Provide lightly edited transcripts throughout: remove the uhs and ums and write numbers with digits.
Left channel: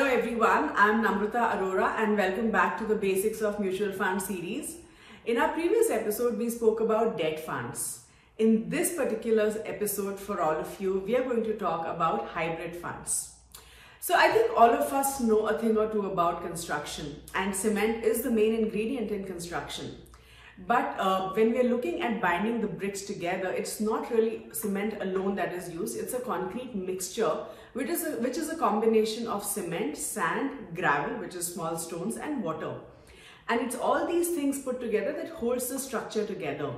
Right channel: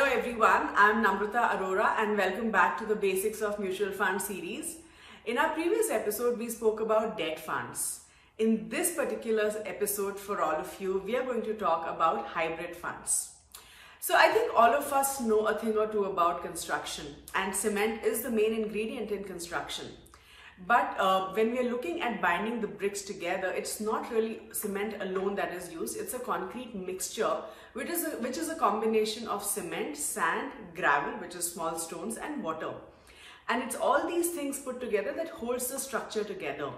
Hello everyone, I'm Namrata Arora and welcome back to the Basics of Mutual Fund series. In our previous episode, we spoke about debt funds. In this particular episode for all of you, we are going to talk about hybrid funds. So I think all of us know a thing or two about construction, and cement is the main ingredient in construction. But when we're looking at binding the bricks together, it's not really cement alone that is used. It's a concrete mixture, which is a combination of cement, sand, gravel, which is small stones, and water. And it's all these things put together that holds the structure together.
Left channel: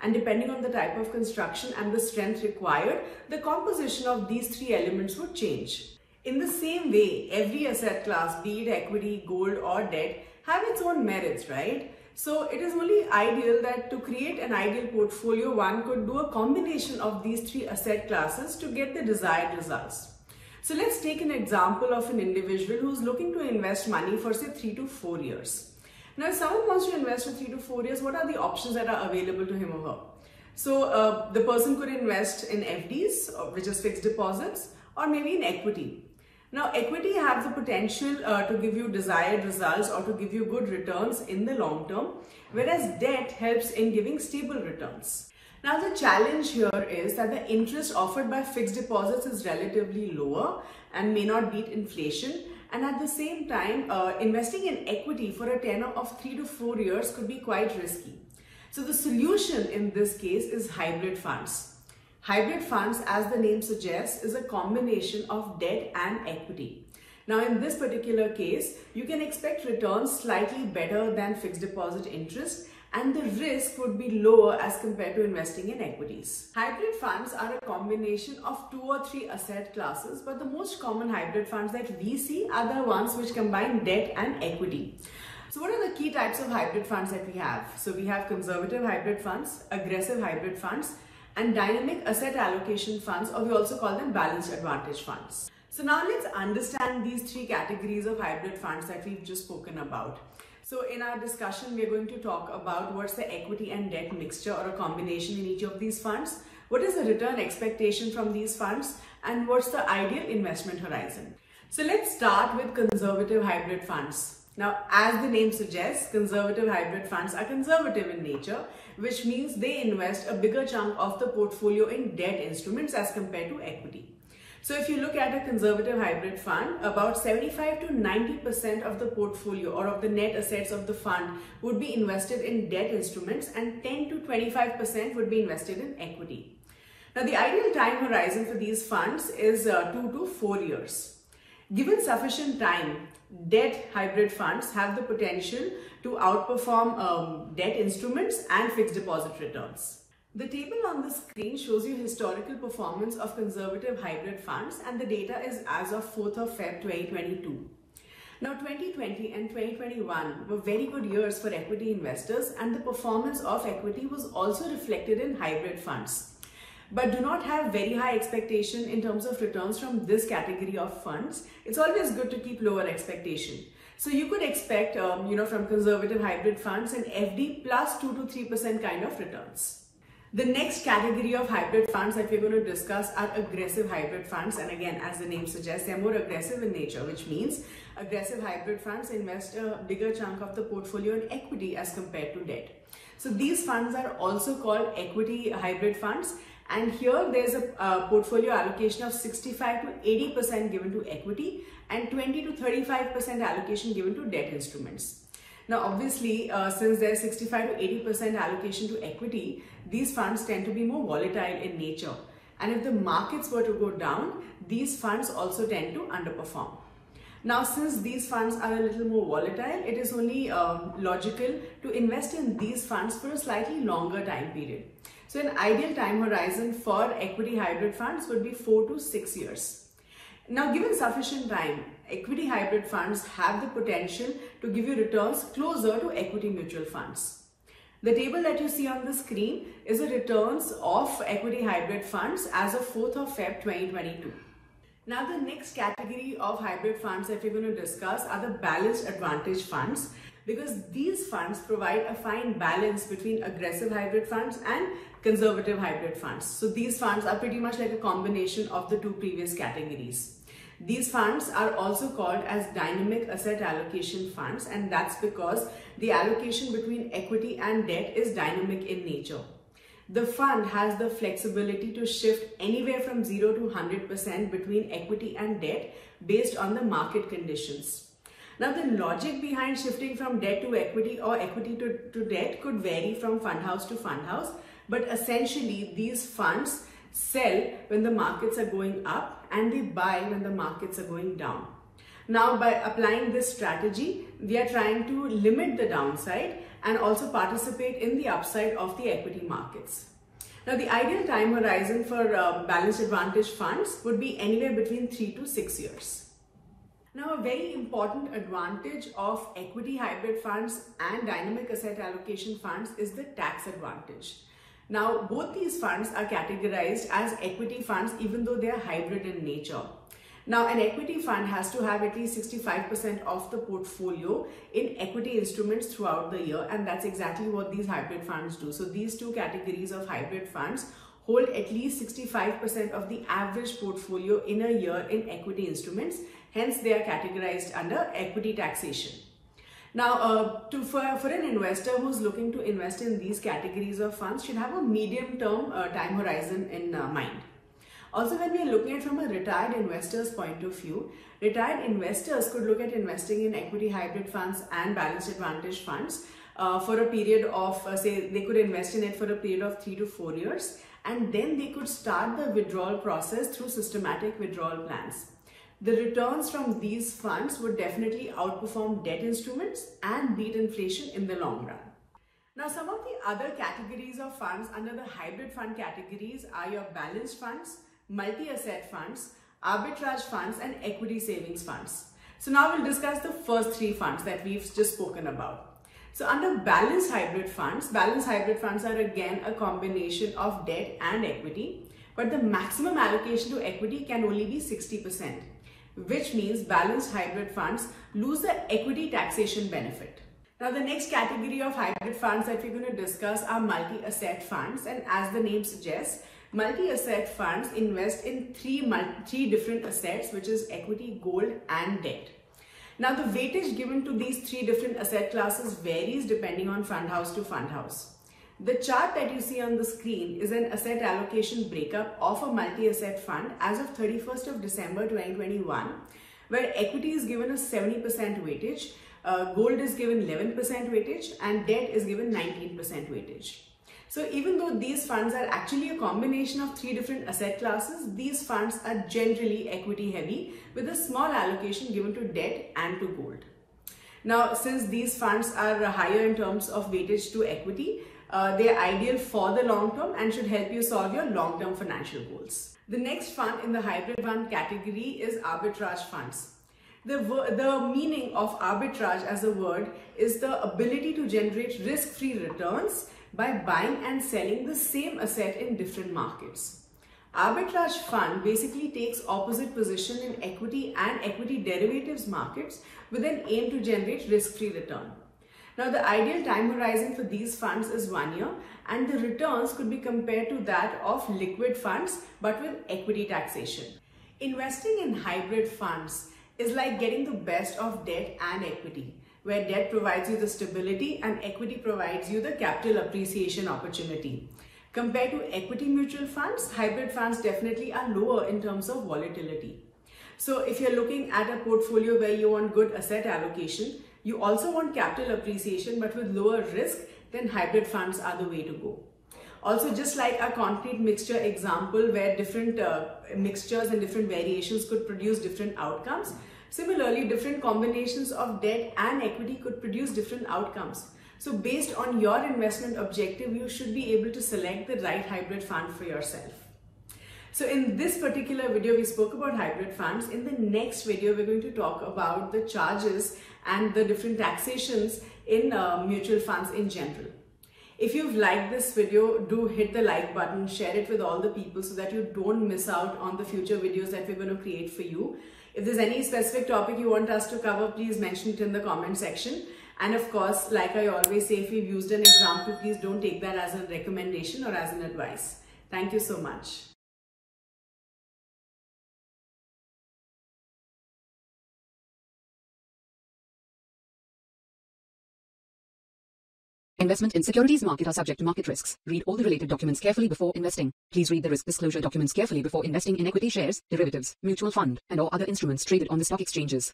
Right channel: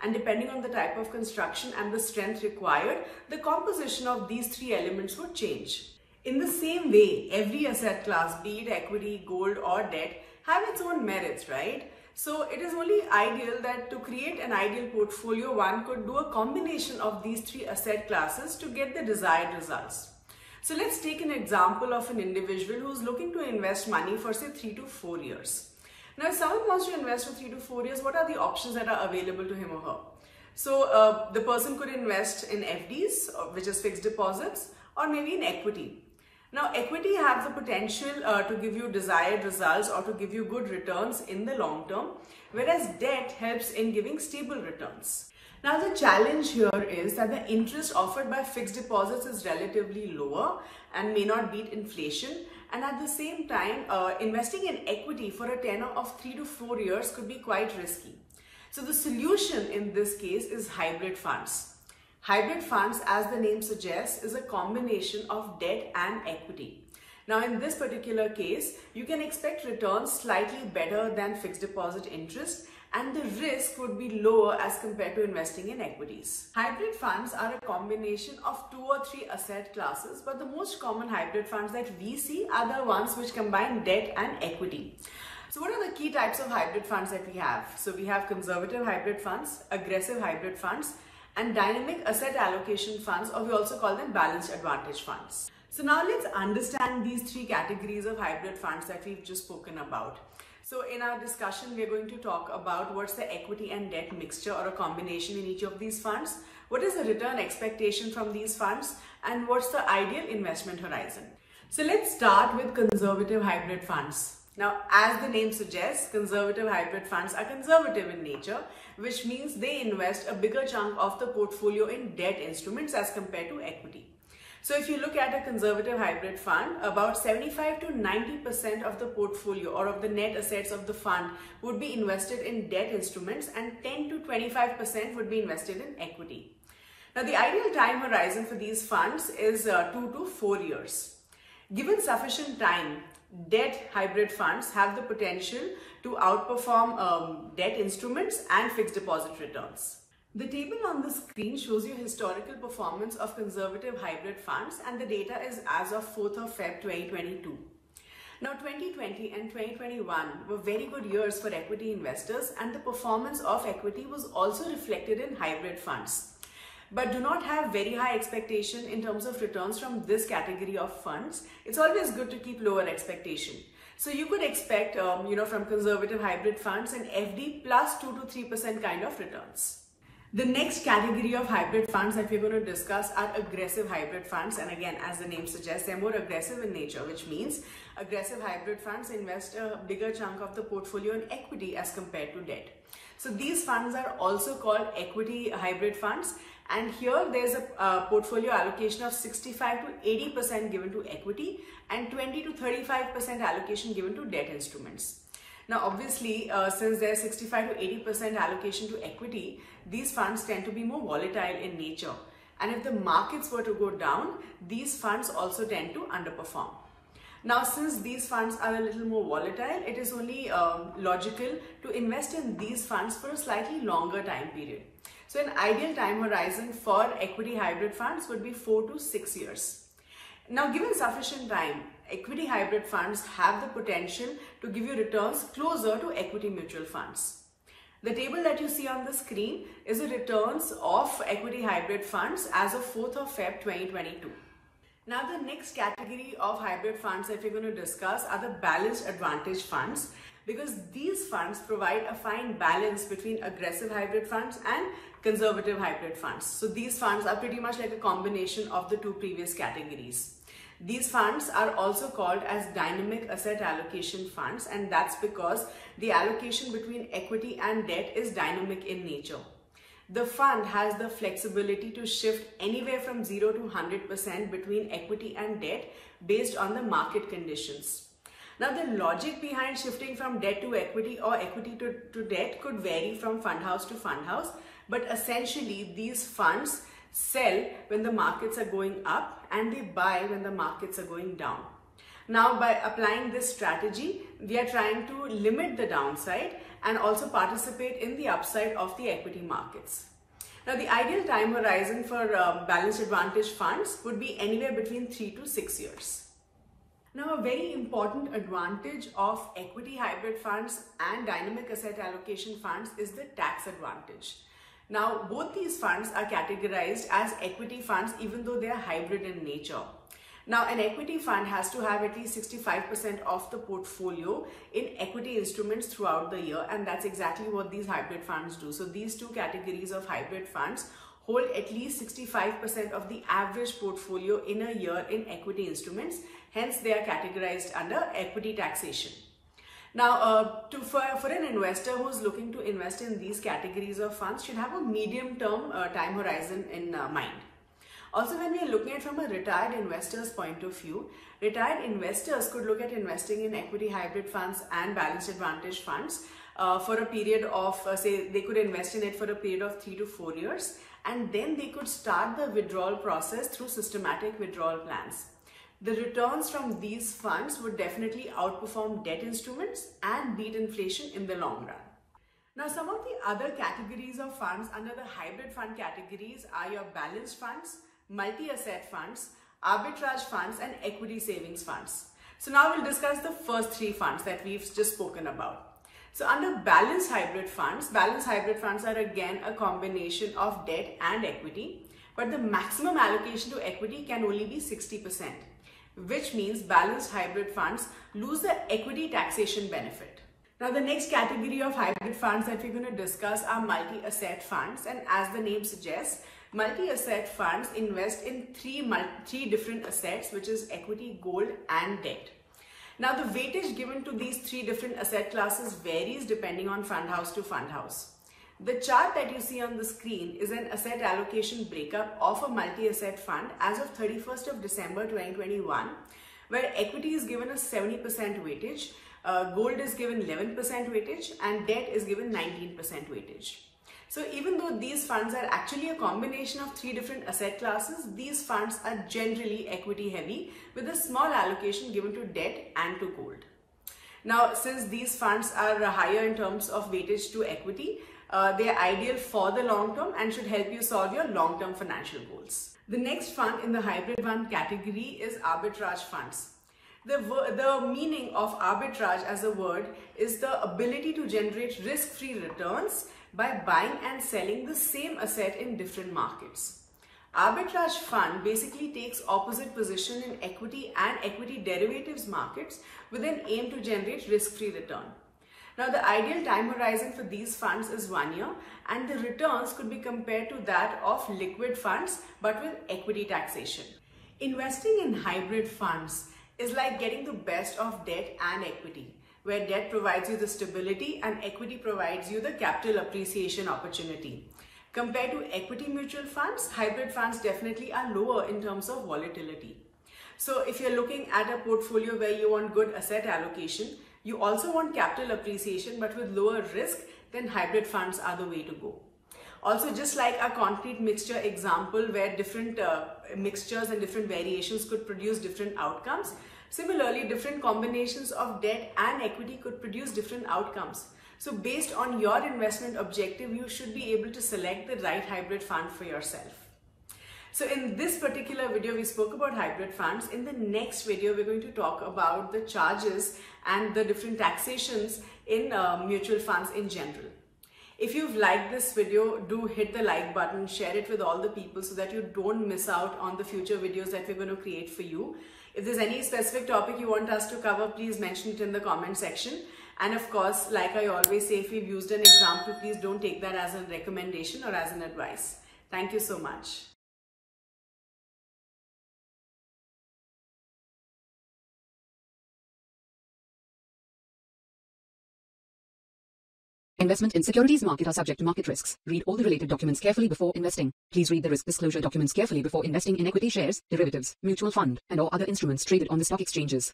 And depending on the type of construction and the strength required, the composition of these three elements would change. In the same way, every asset class, be it equity, gold, or debt, have its own merits, right? So it is only ideal that to create an ideal portfolio, one could do a combination of these three asset classes to get the desired results. So let's take an example of an individual who's looking to invest money for say 3 to 4 years. Now, if someone wants to invest for 3 to 4 years, what are the options that are available to him or her? So the person could invest in FDs, which is fixed deposits, or maybe in equity. Now, equity has the potential to give you desired results or to give you good returns in the long term, whereas debt helps in giving stable returns. Now, the challenge here is that the interest offered by fixed deposits is relatively lower and may not beat inflation. And at the same time, investing in equity for a tenure of 3 to 4 years could be quite risky. So the solution in this case is hybrid funds. Hybrid funds, as the name suggests, is a combination of debt and equity. Now, in this particular case, you can expect returns slightly better than fixed deposit interest, and the risk would be lower as compared to investing in equities. Hybrid funds are a combination of 2 or 3 asset classes, but the most common hybrid funds that we see are the ones which combine debt and equity. So what are the key types of hybrid funds that we have? So we have conservative hybrid funds, aggressive hybrid funds, and dynamic asset allocation funds, or we also call them balanced advantage funds. So now let's understand these 3 categories of hybrid funds that we've just spoken about. So in our discussion, we're going to talk about what's the equity and debt mixture or a combination in each of these funds, what is the return expectation from these funds, and what's the ideal investment horizon. So let's start with conservative hybrid funds. Now, as the name suggests, conservative hybrid funds are conservative in nature, which means they invest a bigger chunk of the portfolio in debt instruments as compared to equity. So if you look at a conservative hybrid fund, about 75 to 90% of the portfolio or of the net assets of the fund would be invested in debt instruments, and 10 to 25% would be invested in equity. Now, the ideal time horizon for these funds is 2 to 4 years. Given sufficient time, debt hybrid funds have the potential to outperform debt instruments and fixed deposit returns. The table on the screen shows you historical performance of conservative hybrid funds, and the data is as of 4th of Feb 2022. Now, 2020 and 2021 were very good years for equity investors, and the performance of equity was also reflected in hybrid funds. But do not have very high expectation in terms of returns from this category of funds. It's always good to keep lower expectation. So you could expect, from conservative hybrid funds an FD plus 2 to 3% kind of returns. The next category of hybrid funds that we're going to discuss are aggressive hybrid funds. And again, as the name suggests, they're more aggressive in nature, which means aggressive hybrid funds invest a bigger chunk of the portfolio in equity as compared to debt. So these funds are also called equity hybrid funds. And here there's a portfolio allocation of 65 to 80% given to equity and 20 to 35% allocation given to debt instruments. Now, obviously, since there's 65 to 80% allocation to equity, these funds tend to be more volatile in nature. And if the markets were to go down, these funds also tend to underperform. Now, since these funds are a little more volatile, it is only logical to invest in these funds for a slightly longer time period. So an ideal time horizon for equity hybrid funds would be 4 to 6 years. Now, given sufficient time, equity hybrid funds have the potential to give you returns closer to equity mutual funds. The table that you see on the screen is the returns of equity hybrid funds as of 4th of Feb 2022. Now, the next category of hybrid funds that we're going to discuss are the balanced advantage funds, because these funds provide a fine balance between aggressive hybrid funds and conservative hybrid funds. So these funds are pretty much like a combination of the two previous categories. These funds are also called as dynamic asset allocation funds, and that's because the allocation between equity and debt is dynamic in nature. The fund has the flexibility to shift anywhere from 0 to 100% between equity and debt based on the market conditions. Now, the logic behind shifting from debt to equity or equity to debt could vary from fund house to fund house, but essentially these funds sell when the markets are going up and they buy when the markets are going down. Now, by applying this strategy, we are trying to limit the downside and also participate in the upside of the equity markets. Now, the ideal time horizon for balanced advantage funds would be anywhere between 3 to 6 years. Now, a very important advantage of equity hybrid funds and dynamic asset allocation funds is the tax advantage. Now, both these funds are categorized as equity funds even though they are hybrid in nature. Now, an equity fund has to have at least 65% of the portfolio in equity instruments throughout the year, and that's exactly what these hybrid funds do. So these two categories of hybrid funds hold at least 65% of the average portfolio in a year in equity instruments. Hence, they are categorized under equity taxation. Now, for an investor who's looking to invest in these categories of funds should have a medium-term time horizon in mind. Also, when we are looking at from a retired investor's point of view, retired investors could look at investing in equity hybrid funds and balanced advantage funds for a period of, say, they could invest in it for a period of 3 to 4 years, and then they could start the withdrawal process through systematic withdrawal plans. The returns from these funds would definitely outperform debt instruments and beat inflation in the long run. Now, some of the other categories of funds under the hybrid fund categories are your balanced funds, multi-asset funds, arbitrage funds, and equity savings funds. So now we'll discuss the first three funds that we've just spoken about. So under balanced hybrid funds are again a combination of debt and equity, but the maximum allocation to equity can only be 60%. Which means balanced hybrid funds lose the equity taxation benefit. Now, the next category of hybrid funds that we're going to discuss are multi-asset funds, and as the name suggests, multi-asset funds invest in three different assets, which is equity, gold, and debt. Now, the weightage given to these three different asset classes varies depending on fund house to fund house. The chart that you see on the screen is an asset allocation breakup of a multi-asset fund as of 31st of December 2021, where equity is given a 70% weightage, gold is given 11% weightage, and debt is given 19% weightage. So even though these funds are actually a combination of three different asset classes, these funds are generally equity heavy with a small allocation given to debt and to gold. Now, since these funds are higher in terms of weightage to equity, they are ideal for the long term and should help you solve your long-term financial goals. The next fund in the hybrid fund category is arbitrage funds. The meaning of arbitrage as a word is the ability to generate risk-free returns by buying and selling the same asset in different markets. Arbitrage fund basically takes opposite position in equity and equity derivatives markets with an aim to generate risk-free return. Now, the ideal time horizon for these funds is 1 year, and the returns could be compared to that of liquid funds but with equity taxation. Investing in hybrid funds is like getting the best of debt and equity, where debt provides you the stability and equity provides you the capital appreciation opportunity. Compared to equity mutual funds, hybrid funds definitely are lower in terms of volatility. So if you're looking at a portfolio where you want good asset allocation, you also want capital appreciation but with lower risk, then hybrid funds are the way to go. Also, just like a concrete mixture example where different mixtures and different variations could produce different outcomes, similarly different combinations of debt and equity could produce different outcomes. So based on your investment objective, you should be able to select the right hybrid fund for yourself. So in this particular video, we spoke about hybrid funds. In the next video, we're going to talk about the charges and the different taxations in mutual funds in general. If you've liked this video, do hit the like button, share it with all the people so that you don't miss out on the future videos that we're going to create for you. If there's any specific topic you want us to cover, please mention it in the comment section. And of course, like I always say, if you've used an example, please don't take that as a recommendation or as an advice. Thank you so much. Investment in securities market are subject to market risks. Read all the related documents carefully before investing. Please read the risk disclosure documents carefully before investing in equity shares, derivatives, mutual fund, and or other instruments traded on the stock exchanges.